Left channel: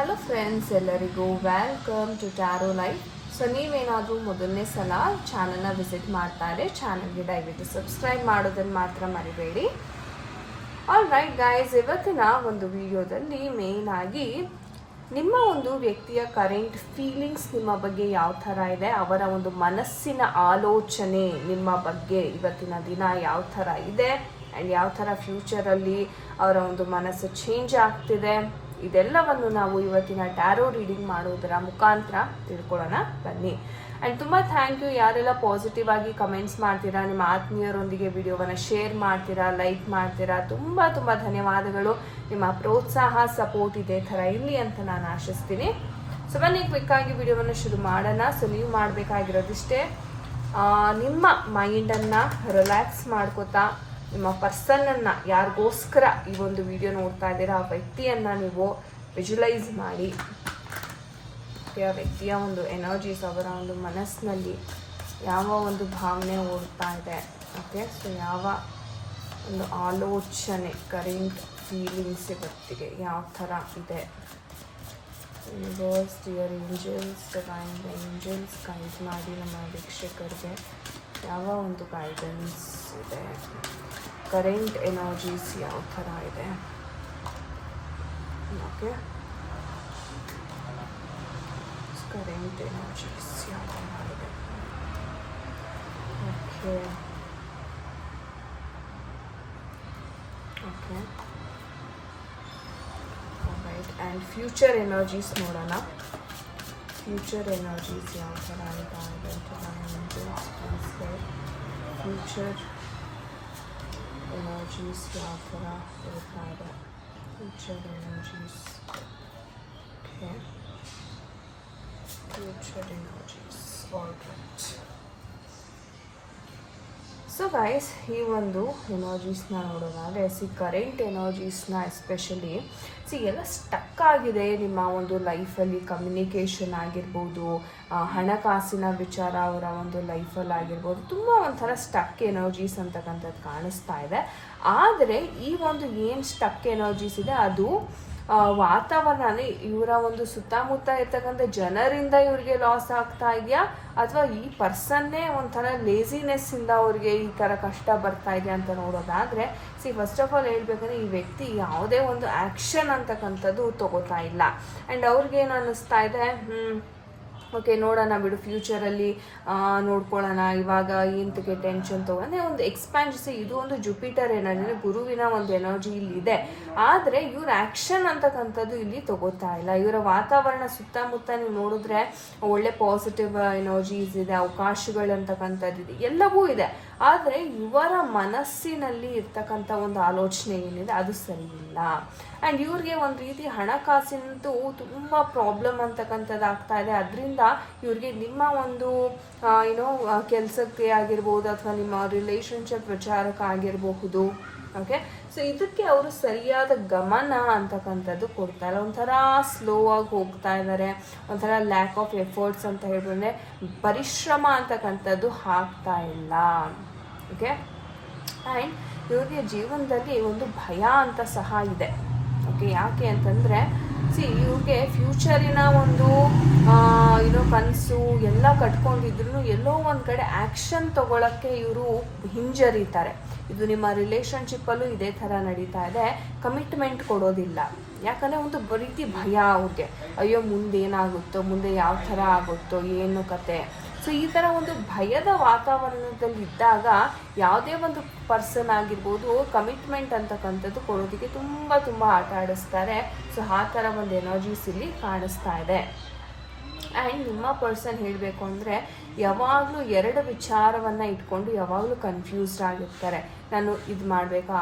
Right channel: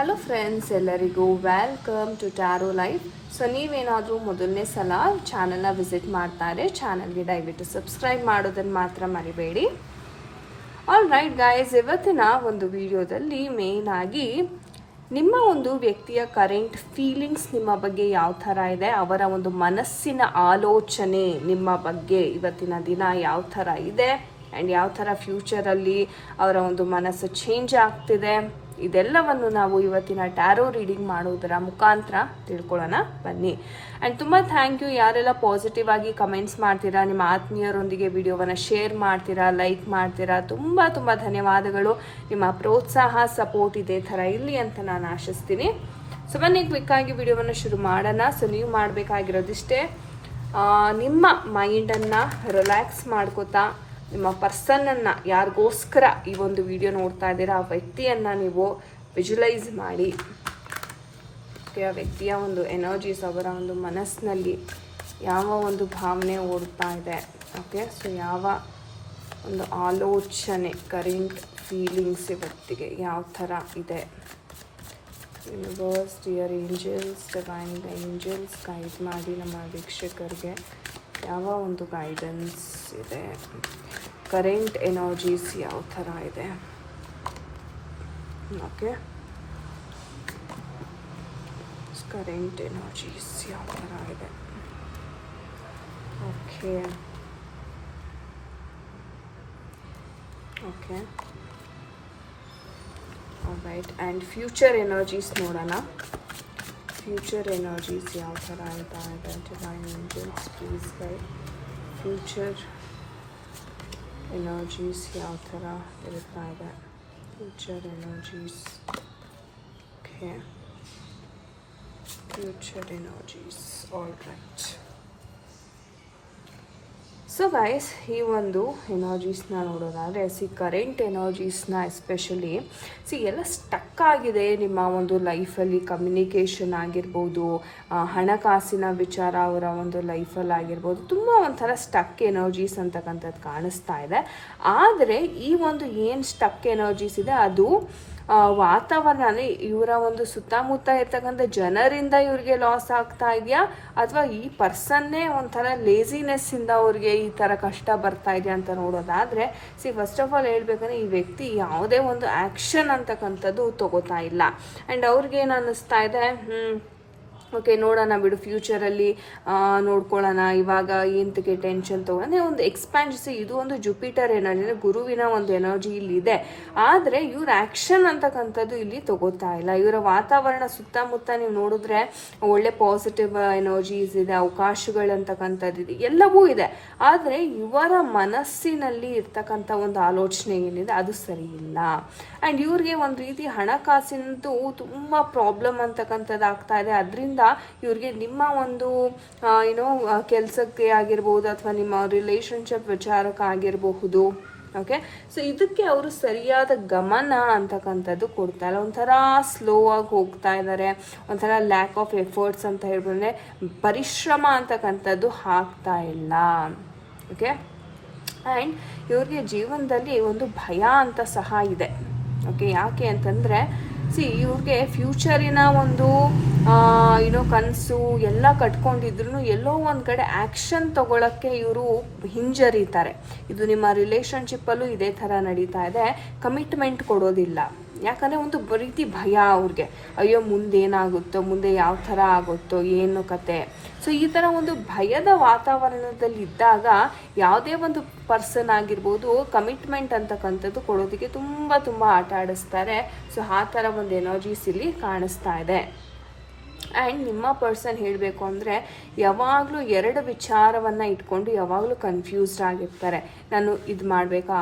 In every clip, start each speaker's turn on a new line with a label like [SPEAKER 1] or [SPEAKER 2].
[SPEAKER 1] Hello friends ಎಲ್ಲರಿಗೂ welcome to tarot life so ನೀವೇನಾದರೂ ಮೊದಲನೇ ಸಲ ಚಾನಲ್ನ ವಿಸಿಟ್ ಮಾಡ್ತಾರೆ ಚಾನಲ್ಗೆ ದಯವಿಟ್ಟು ಸಬ್ಸ್ಕ್ರೈಬ್ ಮಾಡೋದನ್ನು ಮಾತ್ರ ಮರಿಬೇಡಿ. ಆಲ್ ರೈಟ್ ಗಾಯ್ಸ್ ಇವತ್ತಿನ ಒಂದು ವಿಡಿಯೋದಲ್ಲಿ ಮೇನ್ ಆಗಿ ನಿಮ್ಮ ಒಂದು ವ್ಯಕ್ತಿಯ ಕರೆಂಟ್ ಫೀಲಿಂಗ್ಸ್ ನಿಮ್ಮ ಬಗ್ಗೆ ಯಾವ ಥರ ಇದೆ, ಅವರ ಒಂದು ಮನಸ್ಸಿನ ಆಲೋಚನೆ ನಿಮ್ಮ ಬಗ್ಗೆ ಇವತ್ತಿನ ದಿನ ಯಾವ ಥರ ಇದೆ ಆ್ಯಂಡ್ ಯಾವ ಥರ ಫ್ಯೂಚರಲ್ಲಿ ಅವರ ಒಂದು ಮನಸ್ಸು ಚೇಂಜ್ ಆಗ್ತಿದೆ. ಇದೆಲ್ಲವನ್ನು ನಾವು ಇವತ್ತಿನ ಟ್ಯಾರೋ ರೀಡಿಂಗ್ ಮಾಡೋದರ ಮುಖಾಂತರ ತಿಳ್ಕೊಳ್ಳೋಣ. ಬನ್ನಿ. ಆ್ಯಂಡ್ ತುಂಬ ಥ್ಯಾಂಕ್ ಯು ಯಾರೆಲ್ಲ ಪಾಸಿಟಿವ್ ಆಗಿ ಕಮೆಂಟ್ಸ್ ಮಾಡ್ತೀರಾ, ನಿಮ್ಮ ಆತ್ಮೀಯರೊಂದಿಗೆ ವಿಡಿಯೋವನ್ನು ಶೇರ್ ಮಾಡ್ತೀರಾ ಲೈಕ್ ಮಾಡ್ತೀರಾ, ತುಂಬ ತುಂಬ ಧನ್ಯವಾದಗಳು. ನಿಮ್ಮ ಪ್ರೋತ್ಸಾಹ ಸಪೋರ್ಟ್ ಇದೇ ಥರ ಇರಲಿ ಅಂತ ನಾನು ಆಶಿಸ್ತೀನಿ. ಸೊ ಬನ್ನಿ ಕ್ಲಿಕ್ ಆಗಿ ವಿಡಿಯೋವನ್ನು ಶುರು ಮಾಡೋಣ. ಸೊ ನೀವು ಮಾಡಬೇಕಾಗಿರೋದಿಷ್ಟೇ ನಿಮ್ಮ ಮೈಂಡನ್ನು ರಿಲ್ಯಾಕ್ಸ್ ಮಾಡ್ಕೋತಾ ನಿಮ್ಮ ಪರ್ಸನನ್ನು ಯಾರಿಗೋಸ್ಕರ ಈ ಒಂದು ವಿಡಿಯೋ ನೋಡ್ತಾ ಇದ್ದೀರಾ, ಆ ವ್ಯಕ್ತಿಯನ್ನು ನೀವು ವಿಜುಲೈಸ್ ಮಾಡಿ. ಓಕೆ ಆ ವ್ಯಕ್ತಿಯ ಒಂದು ಎನರ್ಜೀಸ್ ಅವರ ಒಂದು ಮನಸ್ಸಿನಲ್ಲಿ ಯಾವ ಒಂದು ಭಾವನೆ ಓಡ್ತಾ ಇದೆ. ಓಕೆ ಸೊ ಯಾವ ಒಂದು ಆಲೋಚನೆ ಕರೆಂಟ್ ಫೀಲಿಂಗ್ಸ್ ವ್ಯಕ್ತಿಗೆ ಯಾವ ಥರ ಇದೆ? Universe dear angels divine angels guide ಮಾಡಿ ನಮ್ಮ ವೀಕ್ಷಕರಿಗೆ ಯಾವ ಒಂದು ಗೈಡೆನ್ಸ್ ಇದೆ? ಕರೆಂಟ್ ಎನರ್ಜೀಸ್ ಯಾವ ಥರ ಇದೆ ಓಕೆ ಕರೆಂಟ್ ಎನರ್ಜೀಸ್ ಯಾವ ಥರ ಇದೆ okay okay right and future energies ನೋಡೋಣ ಫ್ಯೂಚರ್ ಎನರ್ಜೀಸ್ ಯಾವ ಥರ ಇದೆ ಅಂತ ಪ್ಲೀಸ್ ಫ್ಯೂಚರ್ ಎನರ್ಜೀಸ್ ಯಾವ ಥರ ಇರ್ತಾ ಇದೆ future energies okay future energies all right so guys ಈ ಒಂದು ಎನರ್ಜೀಸ್ನ ನೋಡೋದಾದರೆ ಸಿ ಕರೆಂಟ್ ಎನರ್ಜೀಸ್ನ ಎಸ್ಪೆಷಲಿ ಸಿ ಎಲ್ಲ ಸ್ಟಕ್ ಆಗಿದೆ ನಿಮ್ಮ ಒಂದು ಲೈಫಲ್ಲಿ ಕಮ್ಯುನಿಕೇಷನ್ ಆಗಿರ್ಬೋದು ಹಣಕಾಸಿನ ವಿಚಾರ ಅವರ ಒಂದು ಲೈಫಲ್ಲಿ ಆಗಿರ್ಬೋದು, ತುಂಬ ಒಂಥರ ಸ್ಟಕ್ ಎನರ್ಜೀಸ್ ಅಂತಕ್ಕಂಥದ್ದು ಕಾಣಿಸ್ತಾ ಇದೆ. ಆದರೆ ಈ ಒಂದು ಏನು ಸ್ಟಕ್ ಎನರ್ಜೀಸ್ ಇದೆ, ಅದು ವಾತಾವರಣ ಇವರ ಒಂದು ಸುತ್ತಮುತ್ತ ಇರ್ತಕ್ಕಂಥ ಜನರಿಂದ ಇವ್ರಿಗೆ ಲಾಸ್ ಆಗ್ತಾ ಇದೆಯಾ? ಅಥವಾ ಈ ಪರ್ಸನ್ನೇ ಒಂಥರ ಲೇಸಿನೆಸ್ ಇಂದ ಅವ್ರಿಗೆ ಈ ಥರ ಕಷ್ಟ ಬರ್ತಾ ಇದೆಯಾ ಅಂತ ನೋಡೋದಾದ್ರೆ, ಸಿ ಫಸ್ಟ್ ಆಫ್ ಆಲ್ ಹೇಳ್ಬೇಕಂದ್ರೆ ಈ ವ್ಯಕ್ತಿ ಯಾವುದೇ ಒಂದು ಆ್ಯಕ್ಷನ್ ಅಂತಕ್ಕಂಥದ್ದು ತಗೋತಾ ಇಲ್ಲ. ಆ್ಯಂಡ್ ಅವ್ರಿಗೆ ಏನು ಅನ್ನಿಸ್ತಾ ಇದೆ? ಓಕೆ ನೋಡೋಣ ಬಿಡು ಫ್ಯೂಚರಲ್ಲಿ ನೋಡ್ಕೊಳ್ಳೋಣ, ಇವಾಗ ಎಂತಕ್ಕೆ ಟೆನ್ಷನ್ ತೊಗೊಂಡ್ರೆ ಒಂದು ಎಕ್ಸ್ಪ್ಯಾನ್ಸಿ ಇದು ಒಂದು ಜುಪಿಟರ್ ಎನರ್ಜಿ ಅಂದರೆ ಗುರುವಿನ ಒಂದು ಎನರ್ಜಿ ಇಲ್ಲಿ ಇದೆ. ಆದರೆ ಇವ್ರ ಆ್ಯಕ್ಷನ್ ಅಂತಕ್ಕಂಥದ್ದು ಇಲ್ಲಿ ತಗೋತಾ ಇಲ್ಲ. ಇವರ ವಾತಾವರಣ ಸುತ್ತಮುತ್ತ ನೀವು ನೋಡಿದ್ರೆ ಒಳ್ಳೆ ಪಾಸಿಟಿವ್ ಎನರ್ಜೀಸ್ ಇದೆ ಅವಕಾಶಗಳಂತಕ್ಕಂಥದ್ದು ಇದೆ, ಎಲ್ಲವೂ ಇದೆ. ಆದರೆ ಇವರ ಮನಸ್ಸಿನಲ್ಲಿ ಇರ್ತಕ್ಕಂಥ ಒಂದು ಆಲೋಚನೆ ಏನಿದೆ, ಅದು ಸರಿ ಇಲ್ಲ. ಆ್ಯಂಡ್ ಇವ್ರಿಗೆ ಒಂದು ರೀತಿ ಹಣಕಾಸಿನಂತೂ ತುಂಬ ಪ್ರಾಬ್ಲಮ್ ಅಂತಕ್ಕಂಥದ್ದು ಆಗ್ತಾ ಇದೆ. ಅದರಿಂದ ಇವ್ರಿಗೆ ನಿಮ್ಮ ಒಂದು ಏನೋ ಕೆಲಸಕ್ಕೆ ಆಗಿರ್ಬೋದು ಅಥವಾ ನಿಮ್ಮ ರಿಲೇಶನ್ಶಿಪ್ ವಿಚಾರಕ್ಕೆ ಆಗಿರಬಹುದು. ಓಕೆ ಸೊ ಇದಕ್ಕೆ ಅವರು ಸರಿಯಾದ ಗಮನ ಅಂತಕ್ಕಂಥದ್ದು ಕೊಡ್ತಾರೆ. ಒಂಥರ ಸ್ಲೋ ಆಗಿ ಹೋಗ್ತಾ ಇದ್ದಾರೆ. ಒಂಥರ ಲ್ಯಾಕ್ ಆಫ್ ಎಫರ್ಟ್ಸ್ ಅಂತ ಹೇಳಿದ್ರೆ ಪರಿಶ್ರಮ ಅಂತಕ್ಕಂಥದ್ದು ಹಾಕ್ತಾ ಇಲ್ಲ. ಓಕೆ ಆ್ಯಂಡ್ ಇವ್ರಿಗೆ ಜೀವನದಲ್ಲಿ ಒಂದು ಭಯ ಅಂತ ಸಹ ಇದೆ. ಓಕೆ, ಯಾಕೆ ಅಂತಂದರೆ ಸಿ ಇವ್ರಿಗೆ ಫ್ಯೂಚರಿನ ಒಂದು ಏನೋ ಕನಸು ಎಲ್ಲ ಕಟ್ಕೊಂಡಿದ್ರು ಎಲ್ಲೋ ಒಂದು ಕಡೆ ಆ್ಯಕ್ಷನ್ ತಗೊಳ್ಳೋಕ್ಕೆ ಇವರು ಹಿಂಜರಿತಾರೆ. ಇದು ನಿಮ್ಮ ರಿಲೇಷನ್ಶಿಪ್ಪಲ್ಲೂ ಇದೇ ಥರ ನಡೀತಾ ಇದೆ. ಕಮಿಟ್ಮೆಂಟ್ ಕೊಡೋದಿಲ್ಲ. ಯಾಕಂದರೆ ಒಂದು ರೀತಿ ಭಯ ಅವ್ರಿಗೆ. ಅಯ್ಯೋ, ಮುಂದೆ ಏನಾಗುತ್ತೋ, ಮುಂದೆ ಯಾವ ಥರ ಆಗುತ್ತೋ, ಏನು ಕತೆ. ಸೊ ಈ ಥರ ಒಂದು ಭಯದ ವಾತಾವರಣದಲ್ಲಿ ಇದ್ದಾಗ ಯಾವುದೇ ಒಂದು ಪರ್ಸನ್ ಆಗಿರ್ಬೋದು ಕಮಿಟ್ಮೆಂಟ್ ಅಂತಕ್ಕಂಥದ್ದು ಕೊಡೋದಕ್ಕೆ ತುಂಬ ತುಂಬ ಆಟ ಆಡಿಸ್ತಾರೆ. ಸೊ ಆ ಥರ ಒಂದು ಎನರ್ಜೀಸ್ ಇಲ್ಲಿ ಕಾಣಿಸ್ತಾ ಇದೆ. ಆ್ಯಂಡ್ ನಿಮ್ಮ ಪರ್ಸನ್ ಹೇಳಬೇಕು ಅಂದರೆ, ಯಾವಾಗಲೂ ಎರಡು ವಿಚಾರವನ್ನು ಇಟ್ಕೊಂಡು ಯಾವಾಗಲೂ ಕನ್ಫ್ಯೂಸ್ಡ್ ಆಗಿರ್ತಾರೆ. ನಾನು ಇದು ಮಾಡಬೇಕಾ,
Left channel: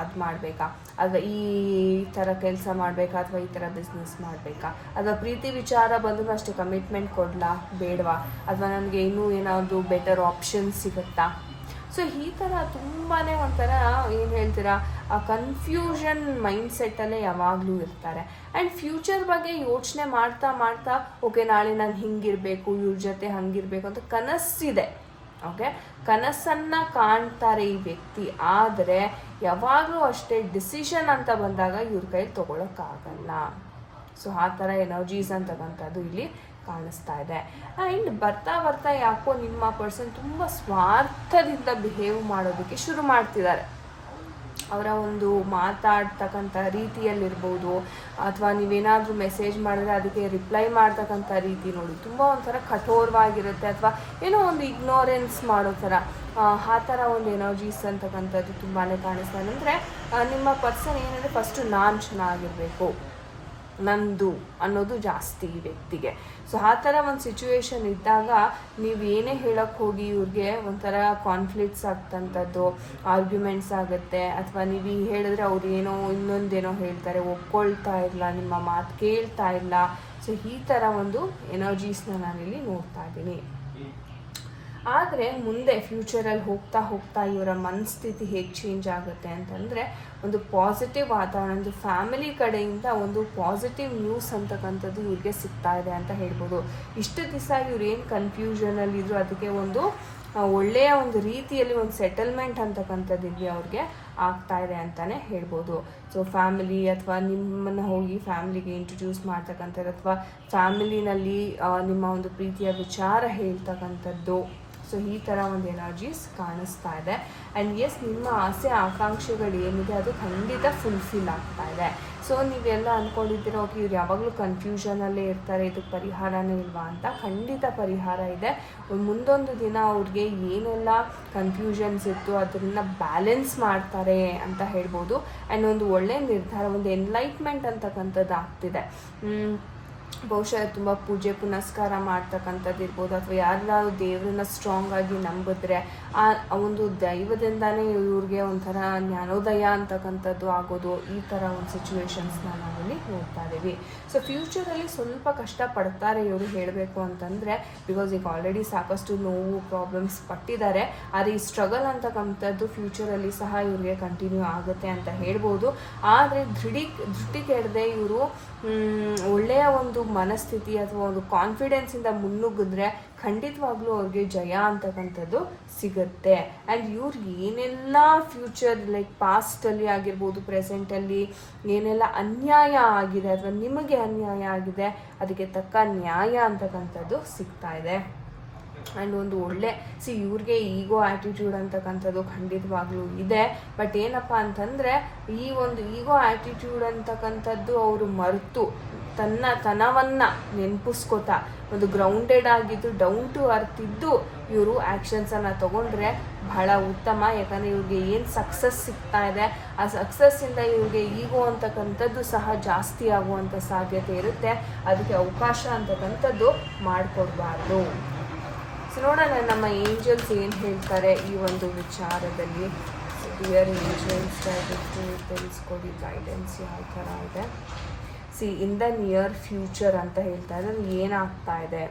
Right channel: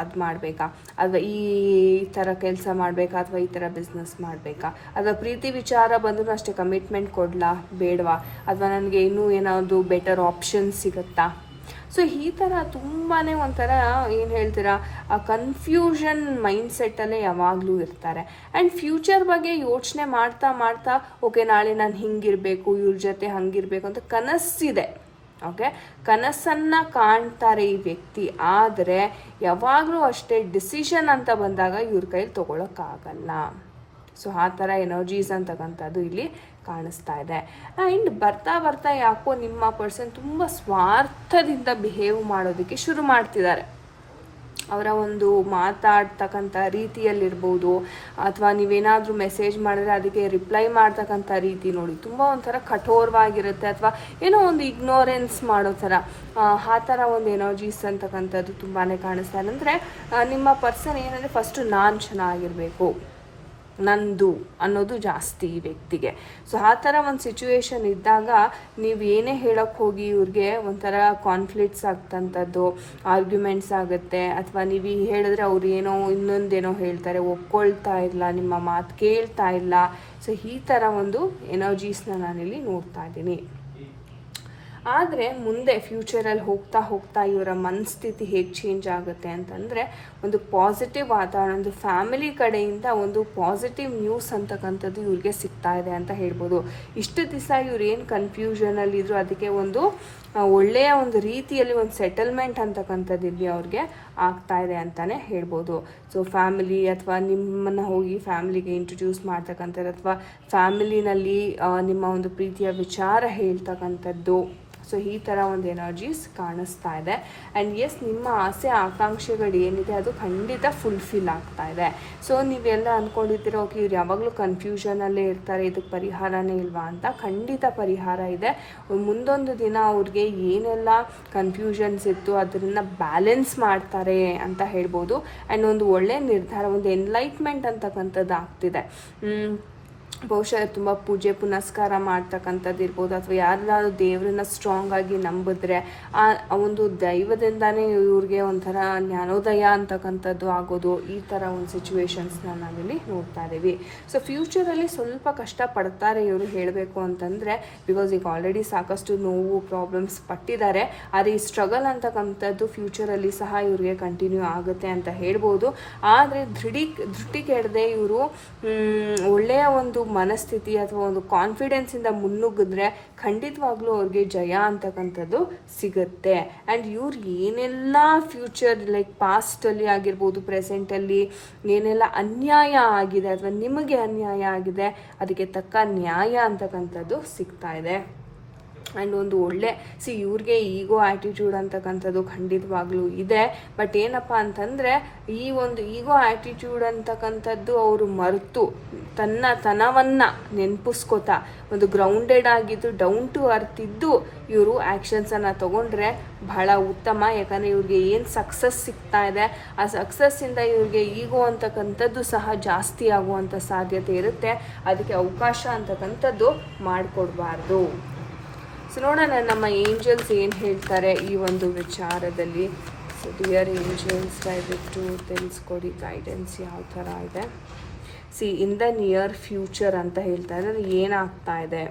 [SPEAKER 1] ಅದು ಮಾಡಬೇಕಾ? ಅಥವಾ ಈ ಥರ ಕೆಲಸ ಮಾಡಬೇಕಾ ಅಥವಾ ಈ ಥರ ಬಿಸ್ನೆಸ್ ಮಾಡಬೇಕಾ? ಅಥವಾ ಪ್ರೀತಿ ವಿಚಾರ ಬಂದರೂ ಅಷ್ಟೇ ಕಮಿಟ್ಮೆಂಟ್ ಕೊಡಲಾ? ಬೇಡವಾ? ಅಥವಾ ನನಗೆ ಇನ್ನೂ ಏನಾದರೂ ಬೆಟರ್ ಆಪ್ಷನ್ ಸಿಗುತ್ತಾ? ಸೊ ಈ ಥರ ತುಂಬಾ ಒಂಥರ ಏನು ಹೇಳ್ತೀರಾ ಕನ್ಫ್ಯೂಷನ್ ಮೈಂಡ್ ಸೆಟ್ಟಲ್ಲೇ ಯಾವಾಗಲೂ ಇರ್ತಾರೆ. ಆ್ಯಂಡ್ ಫ್ಯೂಚರ್ ಬಗ್ಗೆ ಯೋಚನೆ ಮಾಡ್ತಾ ಮಾಡ್ತಾ ಓಕೆ ನಾಳೆ ನಾನು ಹಿಂಗಿರಬೇಕು, ಇವ್ರ ಜೊತೆ ಹಂಗಿರಬೇಕು ಅಂತ ಕನಸಿದೆ. ಓಕೆ ಕನಸನ್ನ ಕಾಣ್ತಾರೆ ಈ ವ್ಯಕ್ತಿ. ಆದರೆ, ಯಾವಾಗಲೂ ಅಷ್ಟೇ ಡಿಸಿಷನ್ ಅಂತ ಬಂದಾಗ ಇವ್ರ ಕೈ ತಗೊಳಕ್ಕಾಗಲ್ಲ. ಸೊ ಆ ಥರ ಎನರ್ಜೀಸ್ ಅಂತಕ್ಕಂಥದ್ದು ಇಲ್ಲಿ. ಕಾಣಿಸ್ತಾ ಇದೆ. ಆ್ಯಂಡ್ ಬರ್ತಾ ಬರ್ತಾ ಯಾಕೋ ನಿಮ್ಮ ಪರ್ಸನ್ ತುಂಬ ಸ್ವಾರ್ಥದಿಂದ ಬಿಹೇವ್ ಮಾಡೋದಕ್ಕೆ ಶುರು ಮಾಡ್ತಿದ್ದಾರೆ. ಅವರ ಒಂದು ಮಾತಾಡ್ತಕ್ಕಂಥ ರೀತಿಯಲ್ಲಿರ್ಬೋದು ಅಥವಾ ನೀವೇನಾದರೂ ಮೆಸೇಜ್ ಮಾಡಿದ್ರೆ ಅದಕ್ಕೆ ರಿಪ್ಲೈ ಮಾಡ್ತಕ್ಕಂಥ ರೀತಿ ನೋಡಿ ತುಂಬ ಒಂಥರ ಕಠೋರವಾಗಿರುತ್ತೆ ಅಥವಾ ಏನೋ ಒಂದು ಇಗ್ನೋರೆನ್ಸ್ ಮಾಡೋ ಥರ ಆ, ಥರ ಒಂದು ಎನರ್ಜೀಸ್ ಅಂತಕ್ಕಂಥದ್ದು ತುಂಬಾ ಕಾಣಿಸ್ತಾ ಅಂದರೆ ನಿಮ್ಮ ಪರ್ಸನ್ ಏನಂದರೆ ಫಸ್ಟು ನಾನು ಚೆನ್ನಾಗಿರಬೇಕು. ನಂದು ಅನ್ನೋದು ಜಾಸ್ತಿ ಈ ವ್ಯಕ್ತಿಗೆ. ಸೊ ಆ ಥರ ಒಂದು ಸಿಚುವೇಶನ್ ಇದ್ದಾಗ ನೀವು ಏನೇ ಹೇಳಕ್ಕೆ ಹೋಗಿ ಇವ್ರಿಗೆ ಒಂಥರ ಕಾನ್ಫ್ಲಿಕ್ಟ್ಸ್ ಆಗ್ತಂಥದ್ದು ಆರ್ಗ್ಯುಮೆಂಟ್ಸ್ ಆಗುತ್ತೆ. ಅಥವಾ ನೀವು ಈಗ ಹೇಳಿದ್ರೆ ಅವ್ರು ಏನೋ ಇನ್ನೊಂದೇನೋ ಹೇಳ್ತಾರೆ, ಒಪ್ಕೊಳ್ತಾ ಇಲ್ಲ ನಿಮ್ಮ ಮಾತು ಕೇಳ್ತಾ ಇಲ್ಲ ಸೊ ಈ ಥರ ಒಂದು ಎನರ್ಜೀಸ್ನ ನಾನಿಲ್ಲಿ ನೋಡ್ತಾ ಇದ್ದೀನಿ. ಆದರೆ ಮುಂದೆ ಫ್ಯೂಚರಲ್ಲಿ ಹೋಗ್ತಾ ಹೋಗ್ತಾ ಇವರ ಮನಸ್ಥಿತಿ ಹೇಗೆ ಚೇಂಜ್ ಆಗುತ್ತೆ ಅಂತಂದರೆ ಒಂದು ಪಾಸಿಟಿವ್ ಆದ ಒಂದು ಫ್ಯಾಮಿಲಿ ಕಡೆಯಿಂದ ಒಂದು ಪಾಸಿಟಿವ್ ನ್ಯೂಸ್ ಅಂತಕ್ಕಂಥದ್ದು ಇವ್ರಿಗೆ ಸಿಗ್ತಾ ಇದೆ ಅಂತ ಹೇಳ್ಬೋದು. ಇಷ್ಟು ದಿವಸ ಇವ್ರು ಏನು ಕನ್ಫ್ಯೂಷನಲ್ಲಿದ್ರು ಅದಕ್ಕೆ ಒಂದು ಒಳ್ಳೆಯ ಒಂದು ರೀತಿಯಲ್ಲಿ ಒಂದು ಸೆಟಲ್ಮೆಂಟ್ ಅಂತಕ್ಕಂಥದ್ದು ಇಲ್ಲಿ ಅವ್ರಿಗೆ ಆಗ್ತಾ ಇದೆ ಅಂತಲೇ ಹೇಳ್ಬೋದು. ಸೊ ಫ್ಯಾಮಿಲಿ ಅಥವಾ ನಿಮ್ಮನ್ನು ಹೋಗಿ ಫ್ಯಾಮಿಲಿಗೆ ಇಂಟ್ರೊಡ್ಯೂಸ್ ಮಾಡ್ತಕ್ಕಂಥದ್ದು ಅಥವಾ ಫ್ಯಾಮಿಲಿನಲ್ಲಿ ನಿಮ್ಮ ಒಂದು ಪ್ರೀತಿಯ ವಿಚಾರ ಹೇಳ್ತಕ್ಕಂಥದ್ದು ಸೊ ಈ ಥರ ಒಂದು ಎನರ್ಜೀಸ್ ಕಾಣಿಸ್ತಾ ಇದೆ. ಆ್ಯಂಡ್ ಎಸ್ ನಿಮ್ಮ ಆಸೆ, ಆಕಾಂಕ್ಷೆಗಳು ಏನಿದೆ, ಅದು ಖಂಡಿತ ಫುಲ್ಫಿಲ್ ಆಗ್ತಾ ಇದೆ. ಸೊ ನೀವೆಲ್ಲ ಅಂದ್ಕೊಂಡಿದ್ದೀರ ಓಕೆ, ಇವ್ರು ಯಾವಾಗಲೂ ಕನ್ಫ್ಯೂಷನಲ್ಲೇ ಇರ್ತಾರೆ, ಇದಕ್ಕೆ ಪರಿಹಾರನೇ ಇಲ್ವಾ ಅಂತ. ಖಂಡಿತ ಪರಿಹಾರ ಇದೆ. ಮುಂದೊಂದು ದಿನ ಅವ್ರಿಗೆ ಏನೆಲ್ಲ ಕನ್ಫ್ಯೂಷನ್ಸ್ ಇತ್ತು, ಅದನ್ನ ಬ್ಯಾಲೆನ್ಸ್ ಮಾಡ್ತಾರೆ ಅಂತ ಹೇಳ್ಬೋದು. ಆ್ಯಂಡ್ ಒಂದು ಒಳ್ಳೆ ನಿರ್ಧಾರ, ಒಂದು ಎನ್ಲೈಟ್ಮೆಂಟ್ ಅಂತಕ್ಕಂಥದ್ದು ಆಗ್ತಿದೆ. ಬಹುಶಃ ತುಂಬ ಪೂಜೆ ಪುನಸ್ಕಾರ ಮಾಡ್ತಕ್ಕಂಥದ್ದು ಇರ್ಬೋದು ಅಥವಾ ಯಾರನ್ನಾದ್ರೂ ದೇವ್ರನ್ನ ಸ್ಟ್ರಾಂಗ್ ಆಗಿ ನಂಬಿದ್ರೆ, ಆ ಒಂದು ದೈವದಿಂದಾನೇ ಇವ್ರಿಗೆ ಒಂಥರ ಜ್ಞಾನೋದಯ ಅಂತಕ್ಕಂಥದ್ದು ಆಗೋದು ಈ ಥರ ಒಂದು ಸಿಚುವೇಶನ್ಸ್ನ ನಾವಿಲ್ಲಿ ನೋಡ್ತಾ ಇದ್ದೀವಿ. ಸೊ ಫ್ಯೂಚರಲ್ಲಿ ಸ್ವಲ್ಪ ಕಷ್ಟ ಪಡ್ತಾರೆ ಇವರು ಹೇಳಬೇಕು ಅಂತಂದರೆ ಬಿಕಾಸ್ ಈಗ ಆಲ್ರೆಡಿ ಸಾಕಷ್ಟು ನೋವು ಪ್ರಾಬ್ಲಮ್ಸ್ ಪಟ್ಟಿದ್ದಾರೆ. ಆದರೆ ಈ ಸ್ಟ್ರಗಲ್ ಅಂತಕ್ಕಂಥದ್ದು ಫ್ಯೂಚರಲ್ಲಿ ಸಹ ಇವ್ರಿಗೆ ಕಂಟಿನ್ಯೂ ಆಗುತ್ತೆ ಅಂತ ಹೇಳ್ಬೋದು. ಆದರೆ ದೃಢಿ ದೃಷ್ಟಿ ಕೆಡದೆ ಇವರು ಒಳ್ಳೆಯ ಒಂದು ಮನಸ್ಥಿತಿ ಅಥವಾ ಒಂದು ಕಾನ್ಫಿಡೆನ್ಸಿಂದ ಮುನ್ನುಗ್ಗಿದ್ರೆ ಖಂಡಿತವಾಗ್ಲೂ ಅವ್ರಿಗೆ ಜಯ ಅಂತಕ್ಕಂಥದ್ದು ಸಿಗುತ್ತೆ. ಆ್ಯಂಡ್ ಇವ್ರು ಏನೆಲ್ಲ ಫ್ಯೂಚರ್ ಲೈಕ್ ಪಾಸ್ಟಲ್ಲಿ ಆಗಿರ್ಬೋದು ಪ್ರೆಸೆಂಟಲ್ಲಿ ಏನೆಲ್ಲ ಅನ್ಯಾಯ ಆಗಿದೆ ಅಥವಾ ನಿಮಗೆ ಅನ್ಯಾಯ ಆಗಿದೆ, ಅದಕ್ಕೆ ತಕ್ಕ ನ್ಯಾಯ ಅಂತಕ್ಕಂಥದ್ದು ಸಿಗ್ತಾ ಇದೆ. ಆ್ಯಂಡ್ ಒಂದು ಒಳ್ಳೆ ಸಿ ಇವ್ರಿಗೆ ಈಗೋ ಆ್ಯಟಿಟ್ಯೂಡ್ ಅಂತಕ್ಕಂಥದ್ದು ಖಂಡಿತವಾಗ್ಲೂ ಇದೆ. ಬಟ್ ಏನಪ್ಪ ಅಂತಂದರೆ, ಈ ಒಂದು ಈಗೋ ಆ್ಯಟಿಟ್ಯೂಡ್ ಅಂತಕ್ಕಂಥದ್ದು ಅವರು ಮರೆತು ತನ್ನ ತನವನ್ನು ನೆನಪಿಸ್ಕೋತಾ, ಒಂದು ಗ್ರೌಂಡೆಡ್ ಆಗಿದ್ದು ಡೌನ್ ಟು ಅರ್ತ್ ಇದ್ದು ಇವರು ಆ್ಯಕ್ಷನ್ಸನ್ನು ತಗೊಂಡ್ರೆ ಬಹಳ ಉತ್ತಮ. ಯಾಕಂದರೆ ಇವ್ರಿಗೆ ಏನು ಸಕ್ಸಸ್ ಸಿಗ್ತಾ ಇದೆ, ಆ ಸಕ್ಸಸ್ಸಿಂದ ಇವ್ರಿಗೆ ಈಗೋ ಅಂತಕ್ಕಂಥದ್ದು ಸಹ ಜಾಸ್ತಿ ಆಗುವಂಥ ಸಾಧ್ಯತೆ ಇರುತ್ತೆ. ಅದಕ್ಕೆ ಅವಕಾಶ ಅಂತಕ್ಕಂಥದ್ದು ಮಾಡಿಕೊಡ್ಬಾರ್ದು. ಸೊ ನೋಡೋಣ ನಮ್ಮ ಏಂಜಲ್ಸ್ ಏನು ಹೇಳ್ತಾರೆ ಈ ಒಂದು ವಿಚಾರದಲ್ಲಿ. ಸೊ ಡಿಯರ್ ಏಂಜಲ್ಸ್ ದಯವಿಟ್ಟು ತಿಳಿಸ್ಕೊಡಿ ಗೈಡೆನ್ಸ್ ಯಾವ ಥರ ಇದೆ. See in the near future ಅಂತ ಹೇಳ್ತಾ ಇದ್ದಾರೆ ಏನಾಗ್ತಾ ಇದೆ?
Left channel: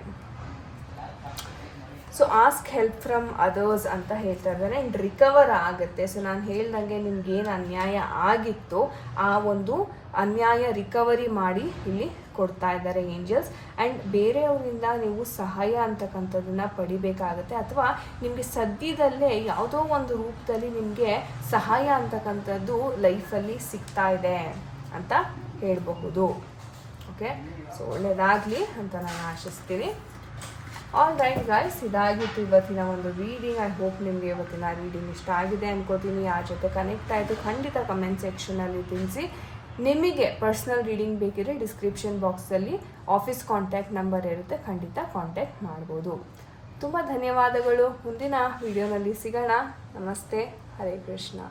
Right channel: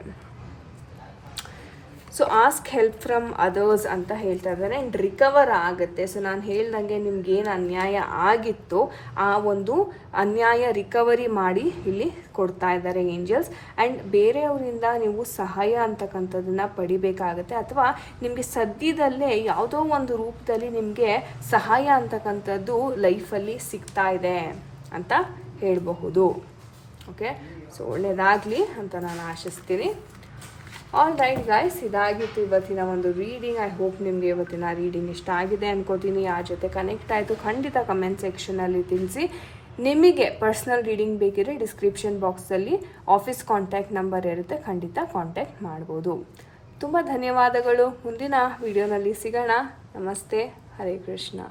[SPEAKER 1] So ask help from others ಅಂತ ಹೇಳ್ತಾ ಇದ್ದಾರೆ. ಇನ್ ರಿಕವರ್ ಆಗುತ್ತೆ. ಸೊ ನಾನು ಹೇಳ್ದಂಗೆ ನಿಮ್ಗೆ ಏನು ಅನ್ಯಾಯ ಆಗಿತ್ತು, ಆ ಒಂದು ಅನ್ಯಾಯ ರಿಕವರಿ ಮಾಡಿ ಇಲ್ಲಿ ಕೊಡ್ತಾ ಇದ್ದಾರೆ ಏಂಜಲ್ಸ್ ಆ್ಯಂಡ್ ಬೇರೆಯವರಿಂದ ನೀವು ಸಹಾಯ ಅಂತಕ್ಕಂಥದ್ದನ್ನ ಪಡಿಬೇಕಾಗತ್ತೆ. ಅಥವಾ ನಿಮಗೆ ಸದ್ಯದಲ್ಲೇ ಯಾವುದೋ ಒಂದು ರೂಪದಲ್ಲಿ ನಿಮಗೆ ಸಹಾಯ ಅಂತಕ್ಕಂಥದ್ದು ಲೈಫಲ್ಲಿ ಸಿಗ್ತಾ ಇದೆ ಅಂತ ಹೇಳಬಹುದು. ಓಕೆ ಸೊ ಒಳ್ಳೆಯದಾಗಲಿ ಅಂತ ನಾನು ಆಶಿಸ್ತೀನಿ. ಆಲ್ ರೈಟ್ ಗೈಸ್ ಇದಾಗಿತ್ತು ಇವತ್ತಿನ ಒಂದು ರೀಡಿಂಗ್ ಐ ಹೋಪ್ ನಿಮಗೆ ಇವತ್ತಿನ ರೀಡಿಂಗ್ ಇಷ್ಟ ಆಗಿದೆ ಅನ್ಕೋತೀನಿ. ಆ ಜೊತೆ ಕನೆಕ್ಟ್ ಆಯಿತು, ಖಂಡಿತ ಕಮೆಂಟ್ ಸೆಕ್ಷನಲ್ಲಿ ತಿಳಿಸಿ. ನಿಮಗೆ ಪರ್ಸ್ನಲ್ ರೀಡಿಂಗ್ ಬೇಕಿದ್ರೆ ಡಿಸ್ಕ್ರಿಪ್ಷನ್ ಬಾಕ್ಸಲ್ಲಿ ಆಫೀಸ್ ಕಾಂಟ್ಯಾಕ್ಟ್ ನಂಬರ್ ಇರುತ್ತೆ, ಖಂಡಿತ ಕಾಂಟ್ಯಾಕ್ಟ್ ಮಾಡ್ಬೋದು. ತುಂಬ ಧನ್ಯವಾದಗಳು. ಮುಂದಿನ ವಿಡಿಯೋನಲ್ಲಿ ಸಿಗೋಣ. ನಮಸ್ತೆ. ಹರೇ ಕೃಷ್ಣ.